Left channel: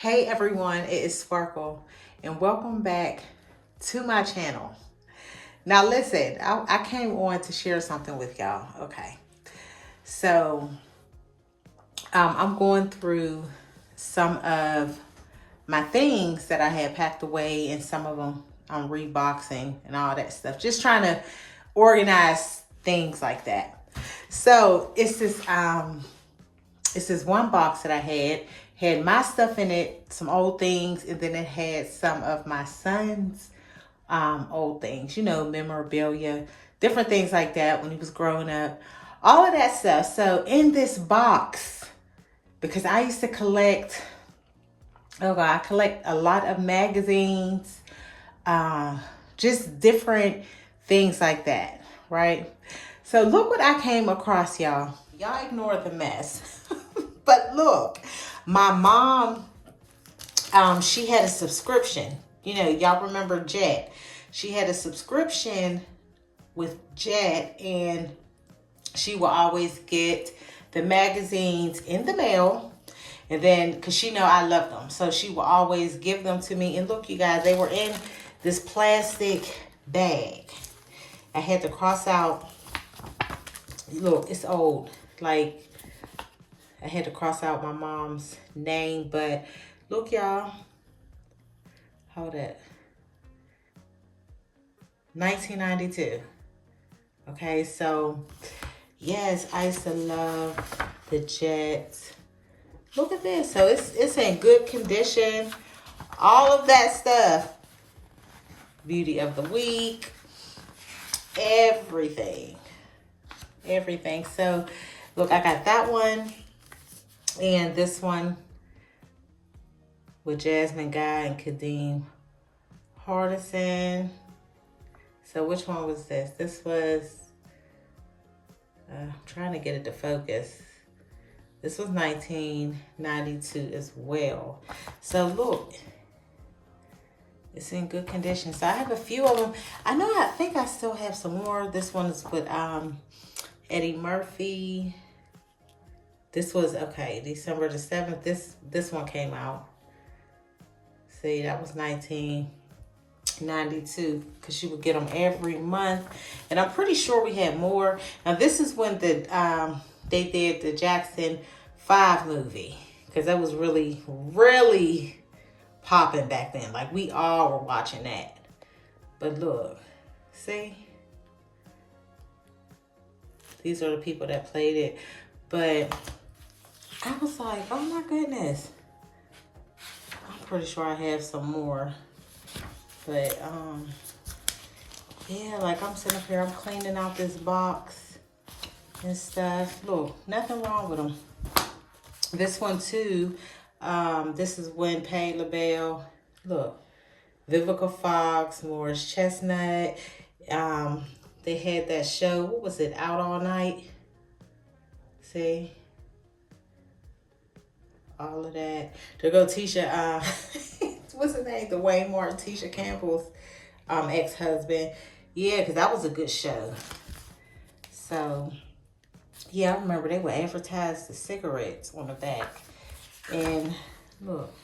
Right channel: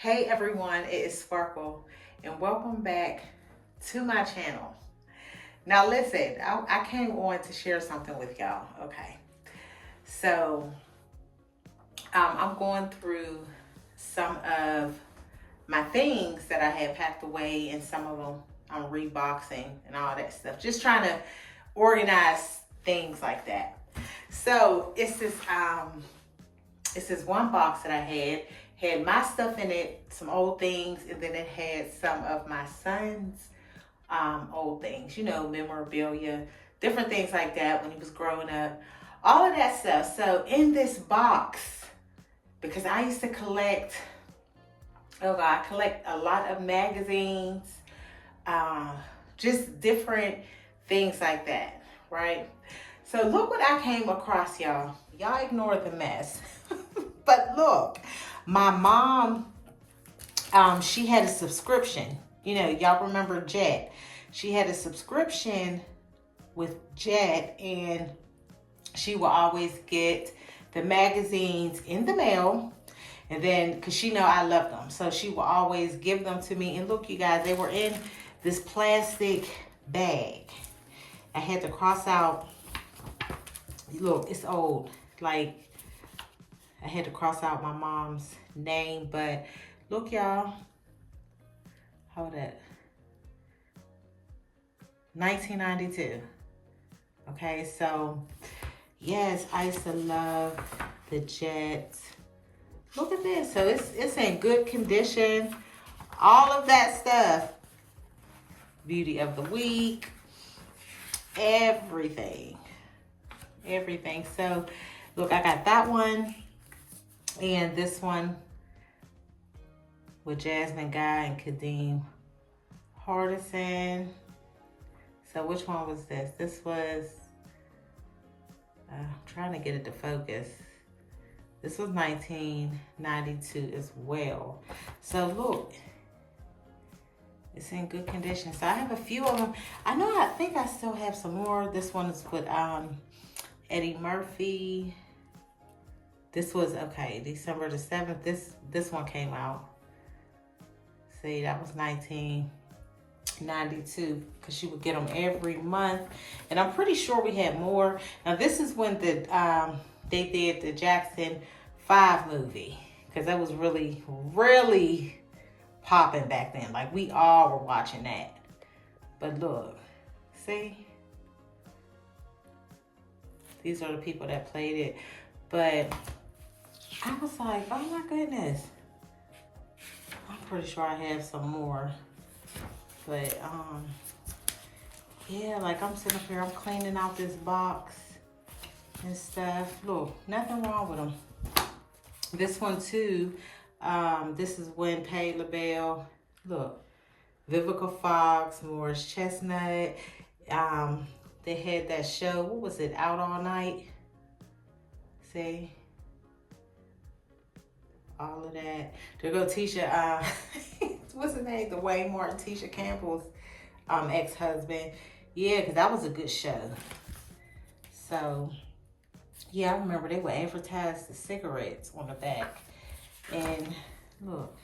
Hey everyone, it is Sparkle and welcome back to my channel. Now listen, I came on to share something with y'all. Okay, so I'm going through some of my things that I had packed away, and some of them I'm reboxing and all that stuff. Just trying to organize things like that. So it's this one box that I had my stuff in it, some old things, and then it had some of my son's old things, memorabilia, different things like that when he was growing up, all of that stuff. So in this box, because I used to collect, I collect a lot of magazines, just different things like that, right? So look what I came across, y'all. Y'all ignore the mess. But look, my mom, she had a subscription. Y'all remember Jet. She had a subscription with Jet, and she will always get the magazines in the mail. And then, because she know I love them, so she will always give them to me. And look, you guys, they were in this plastic bag. I had to cross out, look, it's old. Like, I had to cross out my mom's name, but look, y'all. Hold it. 1992. Okay, so yes, I used to love the Jets. Look at this. So it's in good condition. All of that stuff. Beauty of the week. Everything. Everything. So look, I got that one. And this one with Jasmine Guy and Kadeem Hardison. So which one was this? This was, I'm trying to get it to focus. This was 1992 as well. So look, it's in good condition. So I have a few of them. I think I still have some more. This one is with Eddie Murphy. This was, okay, December the 7th. This one came out. See, that was 1992, because she would get them every month. And I'm pretty sure we had more. Now, this is when they did the Jackson 5 movie, because that was really, really popping back then. Like, we all were watching that. But look, see? These are the people that played it. But I was like, oh my goodness. I'm pretty sure I have some more. But yeah, like I'm sitting up here, I'm cleaning out this box and stuff. Look, nothing wrong with them. This one too, this is when Patti LaBelle, look, Vivica Fox, Morris Chestnut. They had that show, what was it, Out All Night? See? All of that. There go Tisha, what's her name? Dwayne Martin, Tisha Campbell's ex-husband. Yeah, because that was a good show. So, yeah, I remember they would advertise the cigarettes on the back. And look.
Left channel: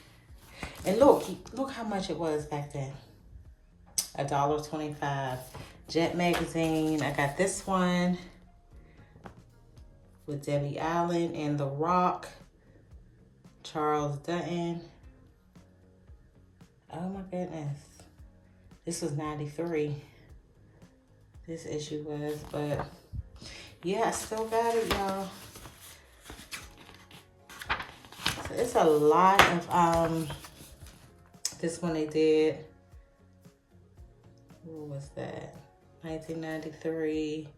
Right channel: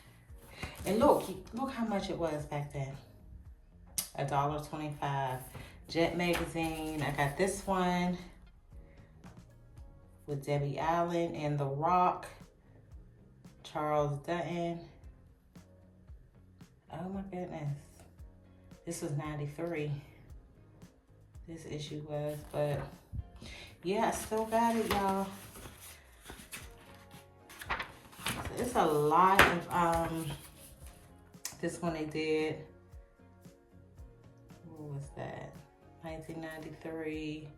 And look how much it was back then. $1.25. Jet magazine. I got this one with Debbie Allen and The Rock. Charles Dutton. Oh my goodness. This was 93. This issue was, but yeah, I still got it, y'all. So it's a lot of this one they did. What was that? 1993.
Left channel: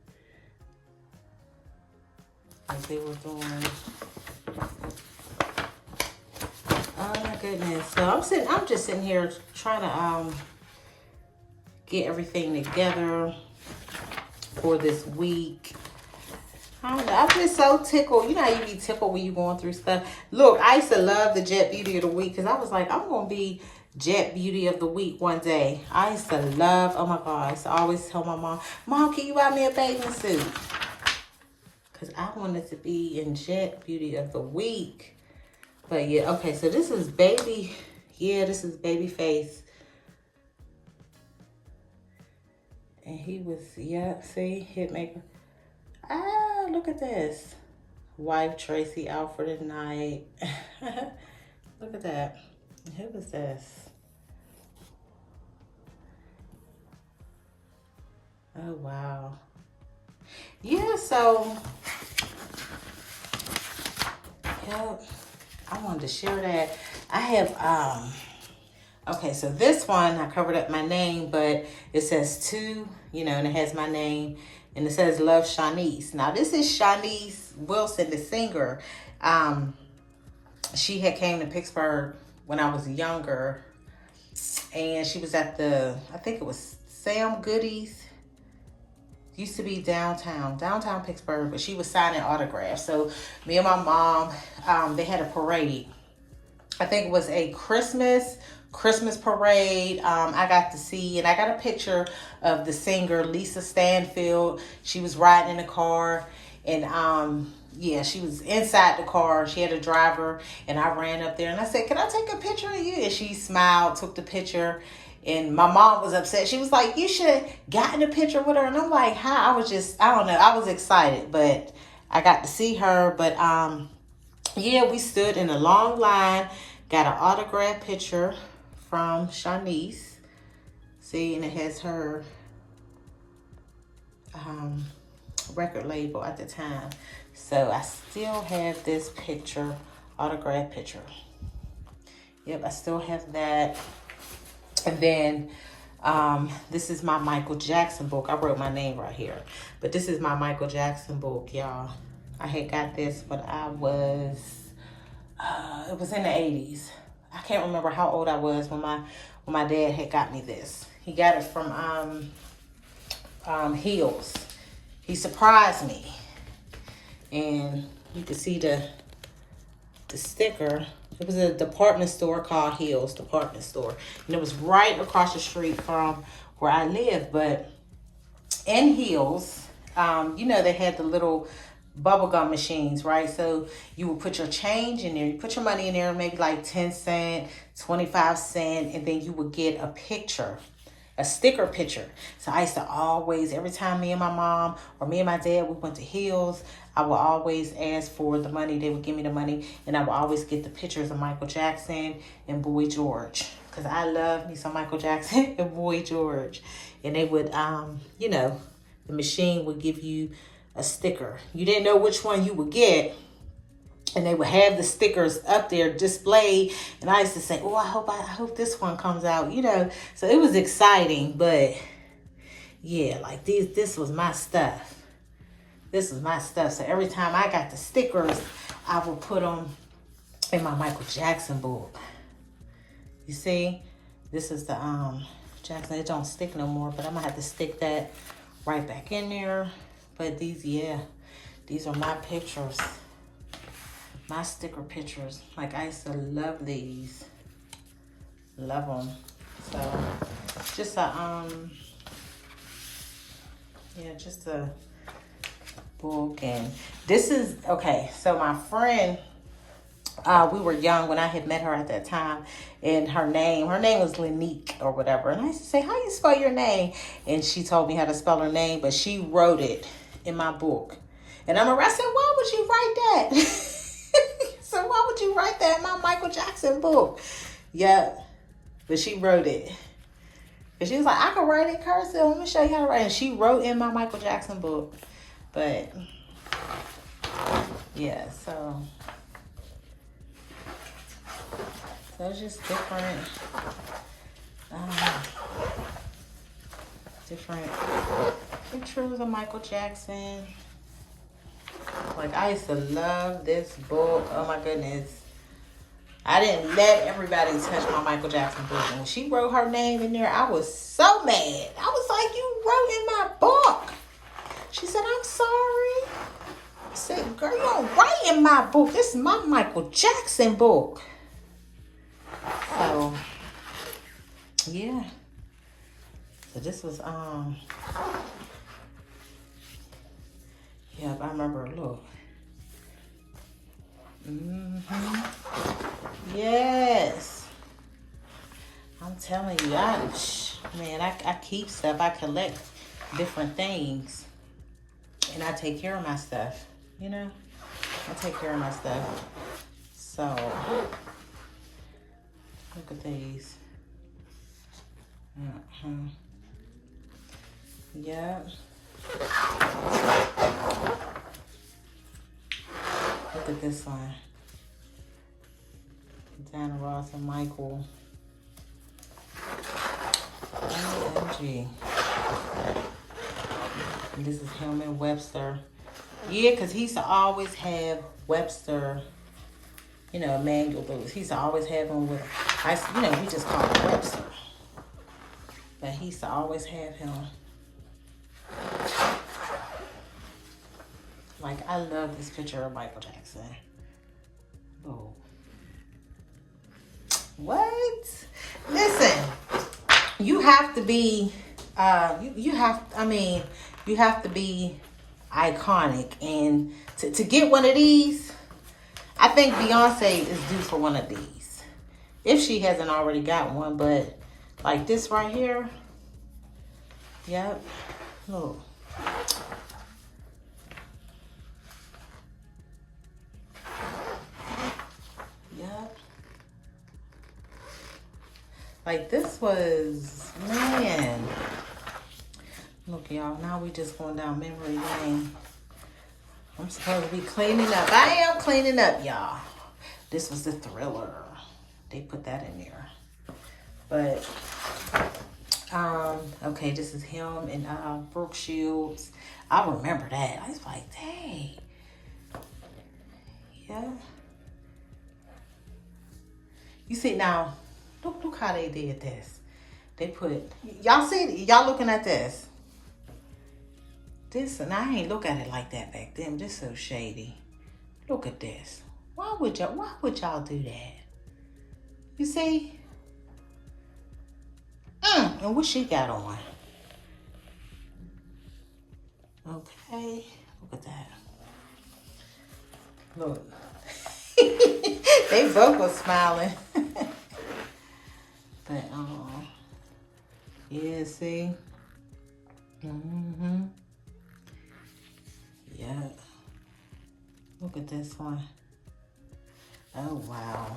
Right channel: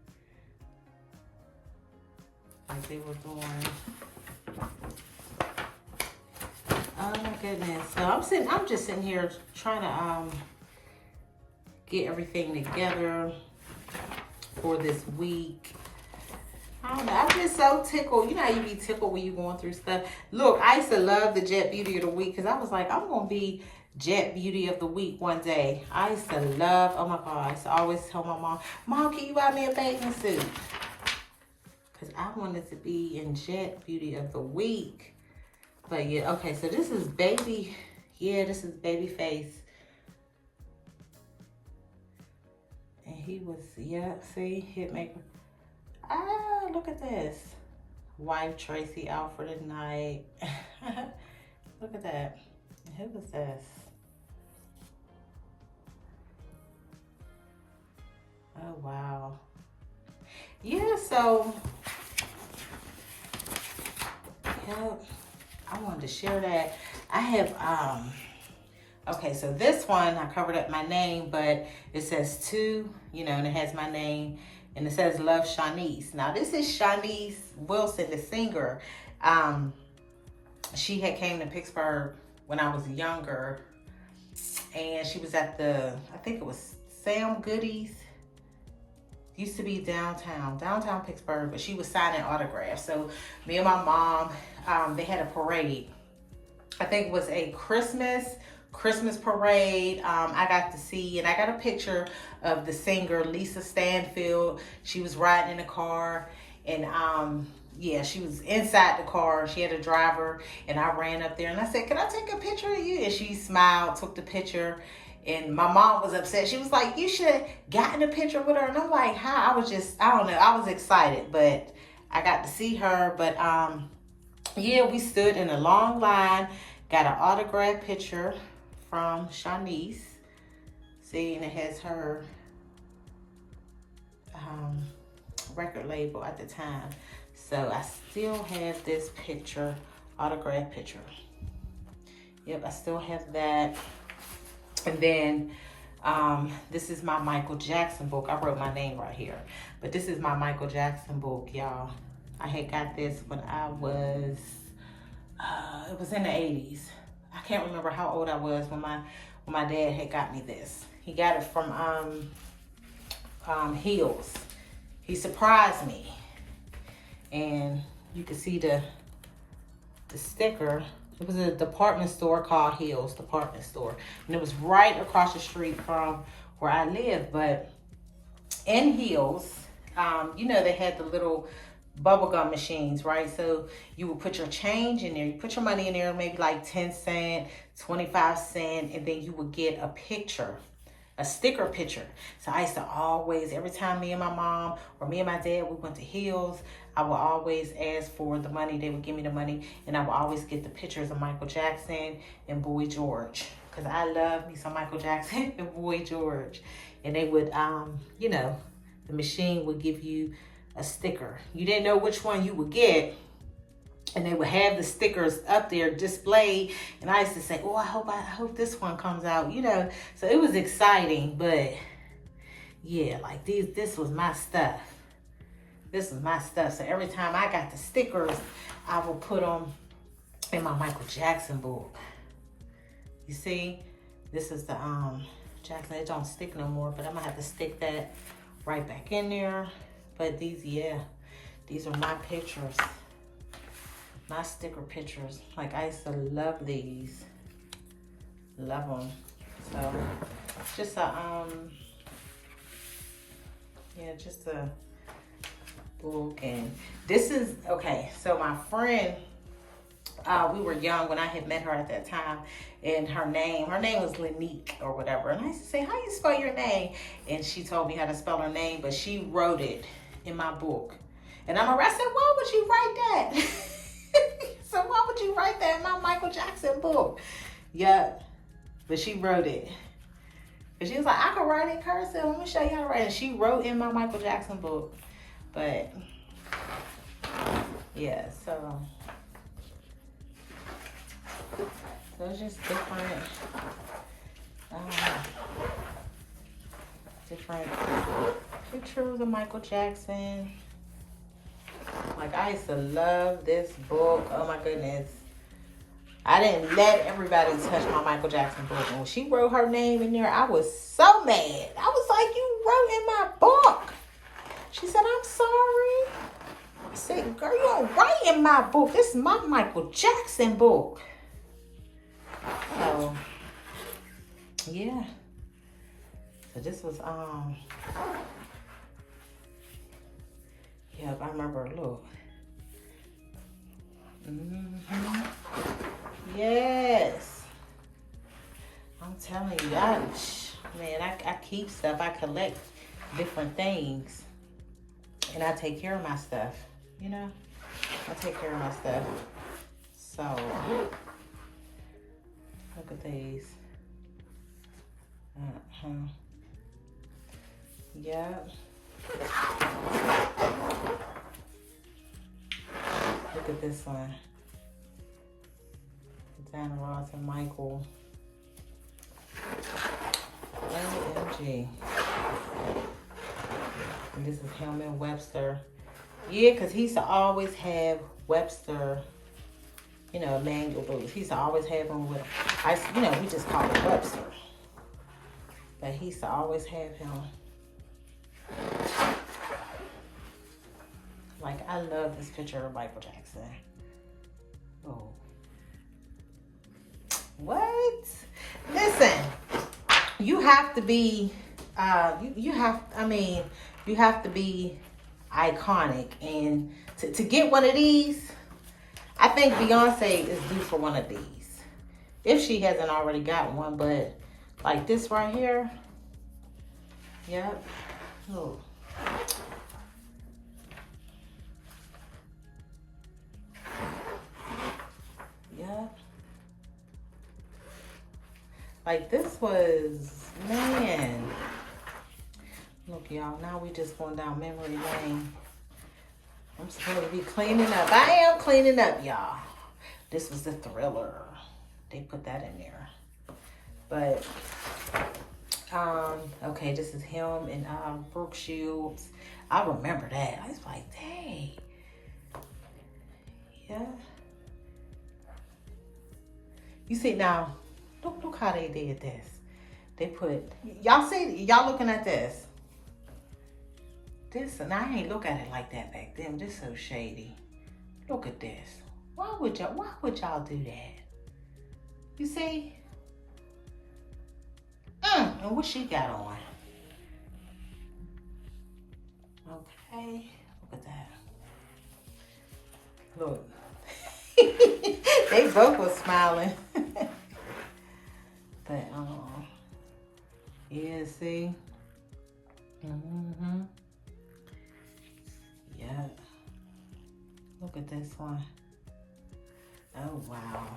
Like they were doing. Oh my goodness. So I'm just sitting here trying to get everything together for this week. I don't know. I'm just so tickled. You know how you be tickled when you're going through stuff. Look, I used to love the Jet Beauty of the Week, because I was like, I'm going to be Jet Beauty of the Week one day. I used to love, oh my God, I used to always tell my mom, Mom, can you buy me a bathing suit? Because I wanted to be in Jet Beauty of the Week. But yeah, okay, so this is baby. Yeah, this is Babyface. And he was, yeah, see, Hitmaker. Ah, look at this. Wife Tracy out for the night. Look at that. Who was this? Oh, wow. Yeah, so, yeah, I wanted to share that. I have, okay, so this one, I covered up my name, but it says to, you know, and it has my name, and it says Love Shanice. Now, this is Shanice Wilson, the singer. She had came to Pittsburgh when I was younger, and she was at the, I think it was Sam Goody's. Used to be downtown Pittsburgh, but she was signing autographs. So me and my mom, they had a parade. I think it was a Christmas parade. I got to see, and I got a picture of the singer Lisa Stanfield. She was riding in a car, and yeah, she was inside the car. She had a driver, and I ran up there and I said, "Can I take a picture of you?" And she smiled, took the picture. And my mom was upset. She was like, "You should have gotten a picture with her." And I'm like, "How?" I was just, I don't know. I was excited, but I got to see her. But yeah, we stood in a long line, got an autograph picture from Shanice. See, and it has her record label at the time. So I still have this picture, autograph picture. Yep, I still have that. And then this is my Michael Jackson book. I wrote my name right here. But this is my Michael Jackson book, y'all. I had got this when I was, it was in the 80s. I can't remember how old I was when my dad had got me this. He got it from Hills. He surprised me. And you can see the sticker. It was a department store called Hills Department Store. And it was right across the street from where I live. But in Hills, you know, they had the little bubblegum machines, right? So you would put your change in there. You put your money in there, maybe like 10 cents, 25 cents, and then you would get a picture, a sticker picture. So I used to always, every time me and my mom or me and my dad, we went to Hills, I would always ask for the money. They would give me the money, and I would always get the pictures of Michael Jackson and Boy George, because I love me some Michael Jackson and Boy George. And they would, you know, the machine would give you a sticker. You didn't know which one you would get, and they would have the stickers up there displayed. And I used to say, "Oh, I hope this one comes out," you know. So it was exciting, but yeah, like this was my stuff. This was my stuff. So every time I got the stickers, I would put them in my Michael Jackson book. You see, this is the Jackson. It don't stick no more, but I'm gonna have to stick that right back in there. But these, yeah, these are my pictures, my sticker pictures. Like, I used to love these, love them. So just a yeah, just a book. And this is, okay, so my friend, we were young when I had met her at that time, and her name was Lanique or whatever. And I used to say, "How you spell your name?" And she told me how to spell her name, but she wrote it in my book. And I said, "Why would you write that?" So why would you write that in my Michael Jackson book? Yeah, but she wrote it. And she was like, "I can write it cursive. Let me show you how to write it." And she wrote in my Michael Jackson book. But yeah, so it's just different, different pictures of Michael Jackson. Like, I used to love this book. Oh my goodness. I didn't let everybody touch my Michael Jackson book. And when she wrote her name in there, I was so mad. I was like, "You wrote in my book." She said, "I'm sorry." I said, "Girl, you don't write in my book. This is my Michael Jackson book." So, yeah. So this was, yep, I remember, look. Yes. I'm telling you, man, I keep stuff. I collect different things. And I take care of my stuff, you know? I take care of my stuff. So, look at these. Yep. Look at this one. Diana Ross and Michael. OMG. And this is him and Webster. Yeah, because he used to always have Webster, you know, Emmanuel Lewis. He used to always have him with him. You know, we just call him Webster. But he used to always have him. Like, I love this picture of Michael Jackson. Oh. What? Listen, you have to be, you have to be iconic. And to get one of these, I think Beyonce is due for one of these. If she hasn't already got one, but like this right here. Yep. Look. Yep. Like this was, man. Look, y'all, now we just going down memory lane. I'm supposed to be cleaning up. I am cleaning up, y'all. This was the Thriller. They put that in there. But, okay, this is him and Brooke Shields. I remember that. I was like, dang. Yeah. You see now, look how they did this. They put, y'all see, y'all looking at this. This, and I ain't look at it like that back then. This so shady. Look at this. Why would y'all do that? You see? And what she got on? Okay, look at that. Look. They both were smiling. But, yeah, see? Mm-hmm. Yeah. Look at this one. Oh, wow.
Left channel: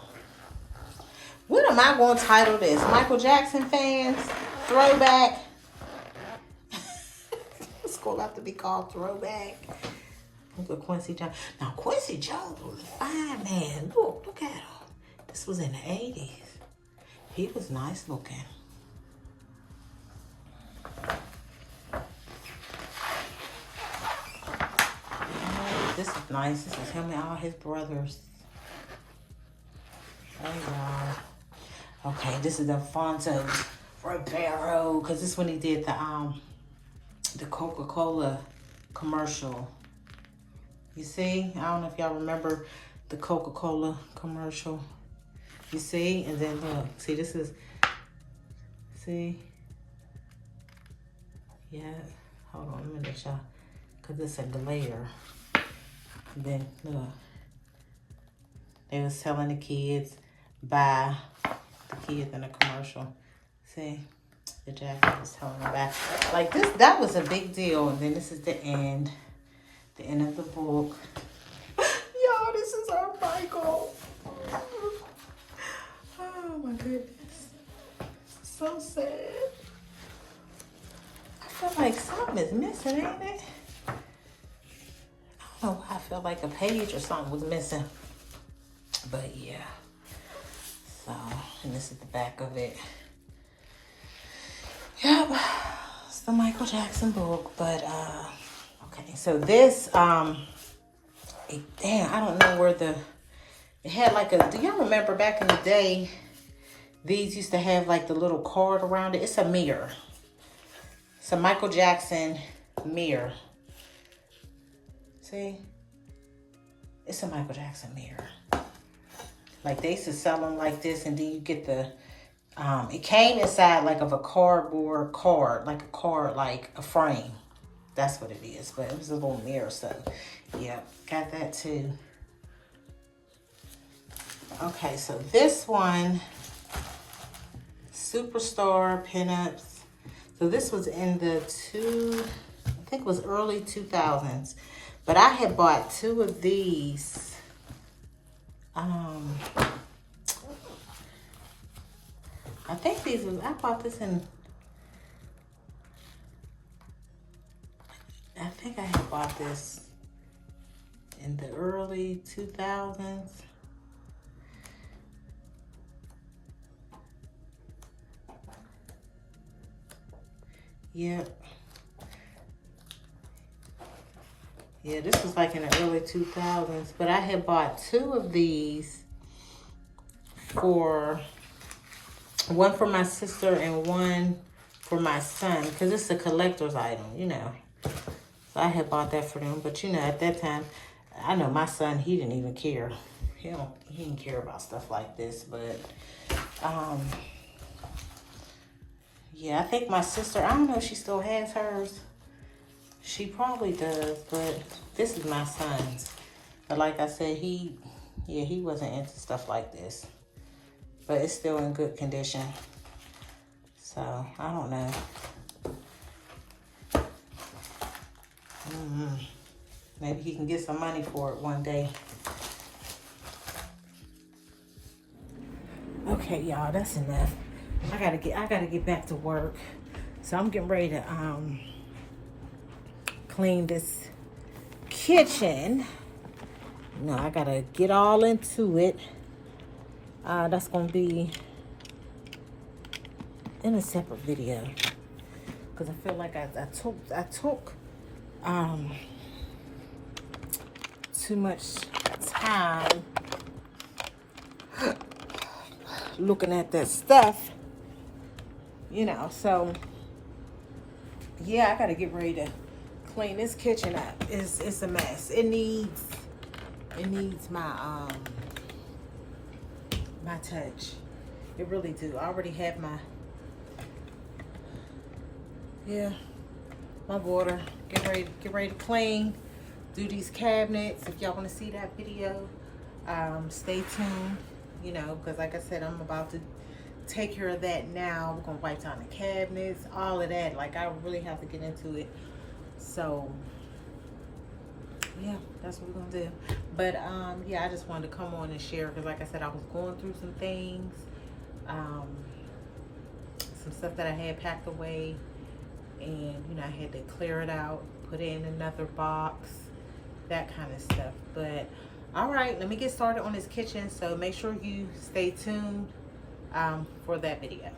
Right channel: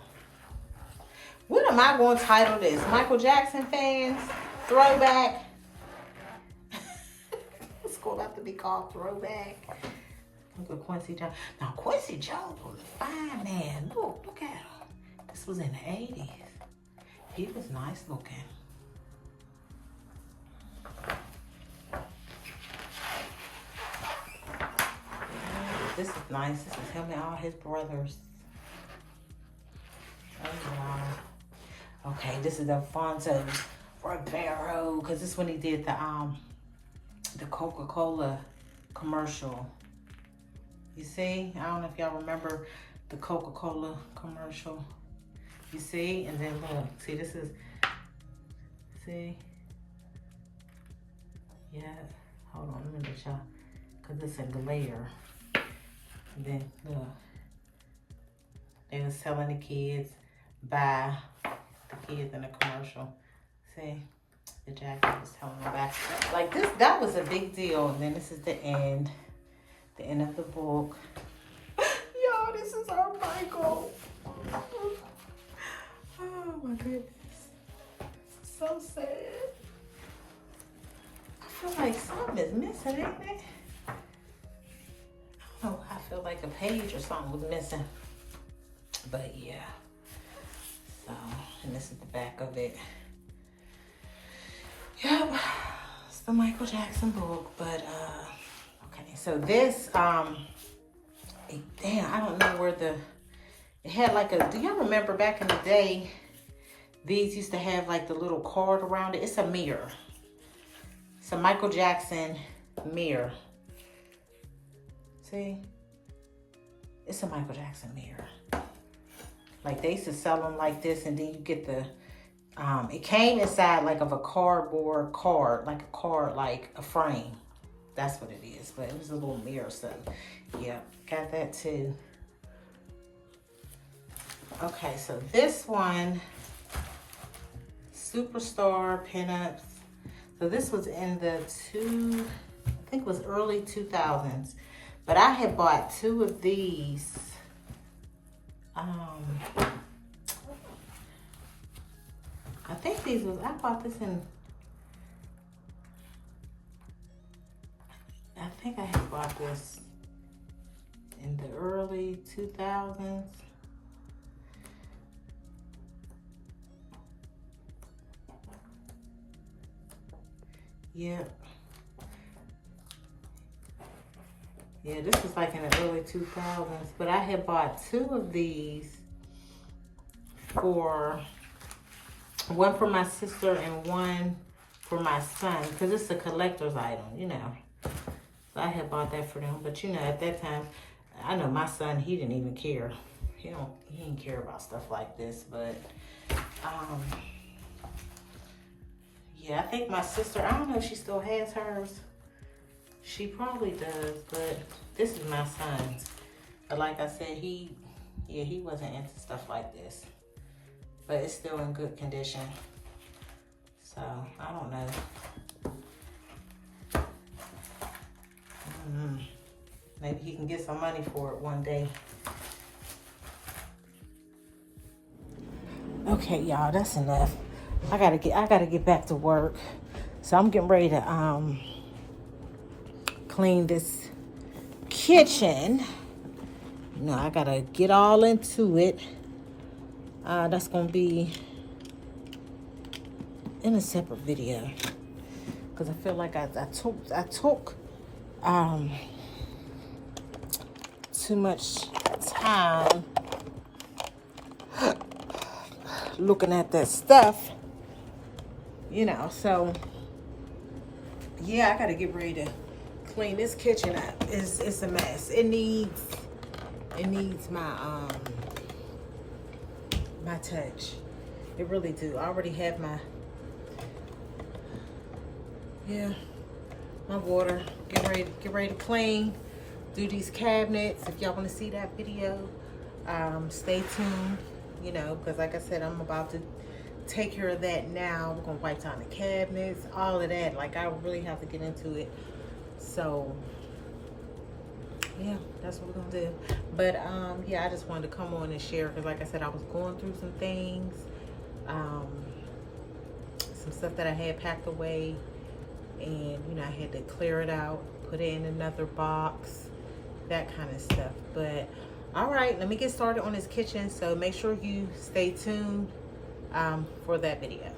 What am I going to title this? Michael Jackson fans? Throwback? It's going to have to be called Throwback. Look at Quincy Jones. Now, Quincy Jones was a fine man. Look at him. This was in the 80s. He was nice looking. Yeah, this is nice. This is him and all his brothers. Oh, wow. Okay, this is Alfonso Ribeiro, because this is when he did the Coca-Cola commercial. You see? I don't know if y'all remember the Coca-Cola commercial. You see? And then look. See, this is... See? Yeah. Hold on a minute, y'all. Because it's a glare. And then, look. They was telling the kids, buy the kids in a commercial. See? The jacket was telling them back. Like this, that was a big deal. And then this is the end. The end of the book. Y'all, this is our Michael. Oh my goodness. So sad. I feel like something is missing, ain't it? I don't know why I feel like a page or something was missing. But yeah. So, and this is the back of it. Yep. It's the Michael Jackson book. But okay, so this damn, I don't know where it had like a, do y'all remember back in the day, these used to have like the little cord around it? It's a mirror. It's a Michael Jackson mirror. See? It's a Michael Jackson mirror. Like they used to sell them like this, and then you get the, it came inside like of a cardboard card, like a card, like a frame. That's what it is, but it was a little mirror, so, yep, got that too. Okay, so this one, Superstar Pinups. So this was in the I think it was early 2000s. But I had bought 2 of these. I think I bought this in, I think I had bought this in the early 2000s. Yep. Yeah, this was like in the early 2000s. But I had bought 2 of these one for my sister and one for my son. Because it's a collector's item, you know. So I had bought that for them. But, you know, at that time, I know my son, he didn't even care. He didn't care about stuff like this. But, yeah, I think my sister, I don't know if she still has hers. She probably does, but this is my son's. But like I said, he wasn't into stuff like this. But it's still in good condition. So, I don't know. Maybe he can get some money for it one day. Okay, y'all, that's enough. I gotta get back to work. So I'm getting ready to clean this kitchen. You know, I gotta get all into it. That's gonna be in a separate video because I feel like I took too much time looking at that stuff, you know. So yeah, I gotta get ready to clean this kitchen up. It's a mess. It needs my my touch. It really do. I already have my water. Get ready to clean. Do these cabinets. If y'all want to see that video, stay tuned. You know, because like I said, I'm about to take care of that now. We're gonna wipe down the cabinets, all of that. Like, I really have to get into it. So yeah, that's what we're gonna do. But yeah, I just wanted to come on and share because like I said, I was going through some things, some stuff that I had packed away, and you know, I had to clear it out, put it in another box, that kind of stuff. But all right, let me get started on this kitchen. So make sure you stay tuned for that video.